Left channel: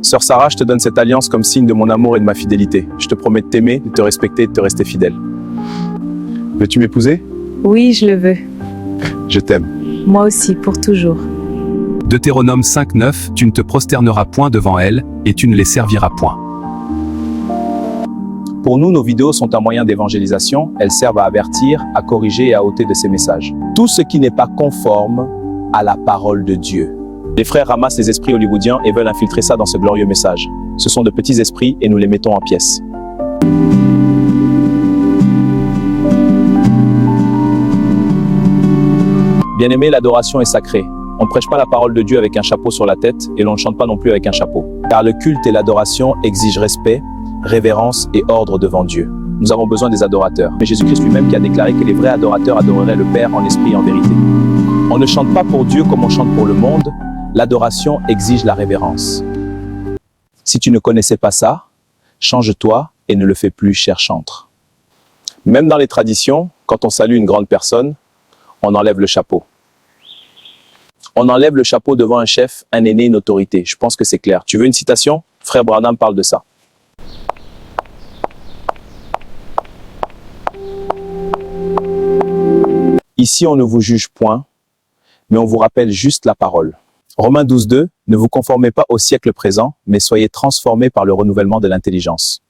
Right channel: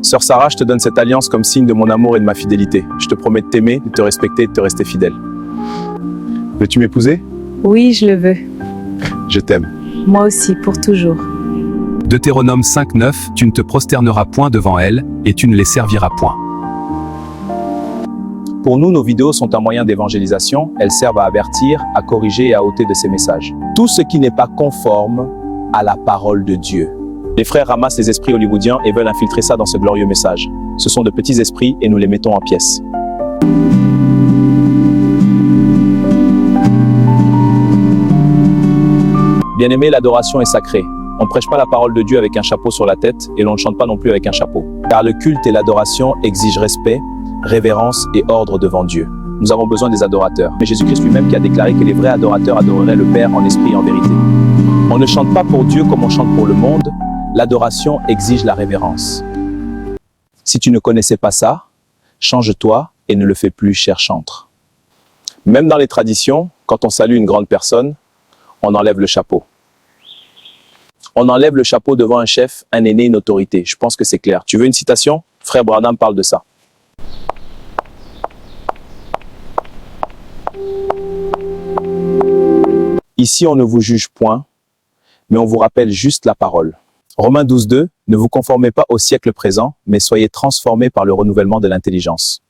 Sœur Sarah, je te donne cette alliance comme signe de mon amour et de ma fidélité. Je te promets de t'aimer, de te respecter et de te rester fidèle. Veux-tu m'épouser? Oui, je le veux. Je t'aime. Moi aussi, pour toujours. Deutéronome 5:9, tu ne te prosterneras point devant elles, et tu ne les serviras point. Pour nous, nos vidéos sont un moyen d'évangélisation. Elles servent à avertir, à corriger et à ôter de ces messages. Tout ce qui n'est pas conforme à la parole de Dieu. Les frères ramassent les esprits hollywoodiens et veulent infiltrer ça dans ce glorieux message. Ce sont de petits esprits et nous les mettons en pièces. Bien-aimé, l'adoration est sacrée. On ne prêche pas la parole de Dieu avec un chapeau sur la tête et l'on ne chante pas non plus avec un chapeau. Car le culte et l'adoration exigent respect, révérence et ordre devant Dieu. Nous avons besoin des adorateurs. Mais Jésus-Christ lui-même qui a déclaré que les vrais adorateurs adoreraient le Père en esprit et en vérité. On ne chante pas pour Dieu comme on chante pour le monde. L'adoration exige la révérence. Si tu ne connaissais pas ça, change-toi et ne le fais plus, cher chantre. Même dans les traditions, quand on salue une grande personne, on enlève le chapeau. On enlève le chapeau devant un chef, un aîné, une autorité. Je pense que c'est clair. Tu veux une citation? Frère Branham parle de ça. Ici, on ne vous juge point, mais on vous rappelle juste la parole. Romains 12:2, ne vous conformez pas au siècle présent, mais soyez transformés par le renouvellement de l'intelligence.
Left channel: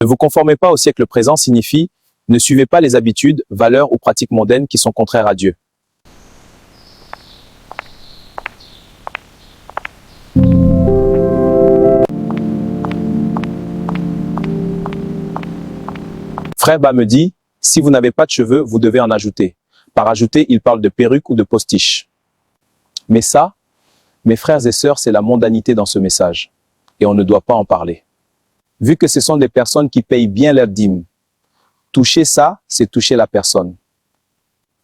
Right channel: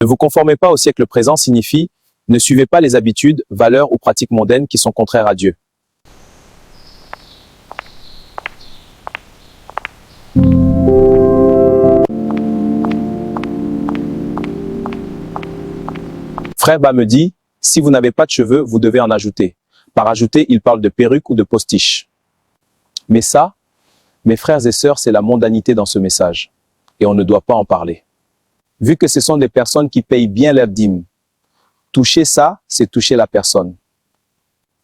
Ne vous conformez pas au siècle présent signifie ne suivez pas les habitudes, valeurs ou pratiques mondaines qui sont contraires à Dieu. Frère Ba me dit, si vous n'avez pas de cheveux, vous devez en ajouter. Par ajouter, il parle de perruque ou de postiche. Mais ça, mes frères et sœurs, c'est la mondanité dans ce message. Et on ne doit pas en parler. Vu que ce sont des personnes qui payent bien leur dîme, toucher ça, c'est toucher la personne.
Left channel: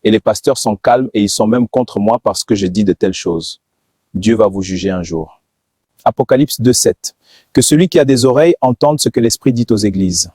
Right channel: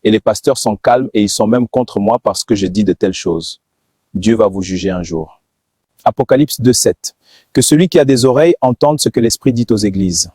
Et les pasteurs sont calmes et ils sont même contre moi parce que je dis de telles choses. Dieu va vous juger un jour. Apocalypse 2:7. Que celui qui a des oreilles entende ce que l'Esprit dit aux églises.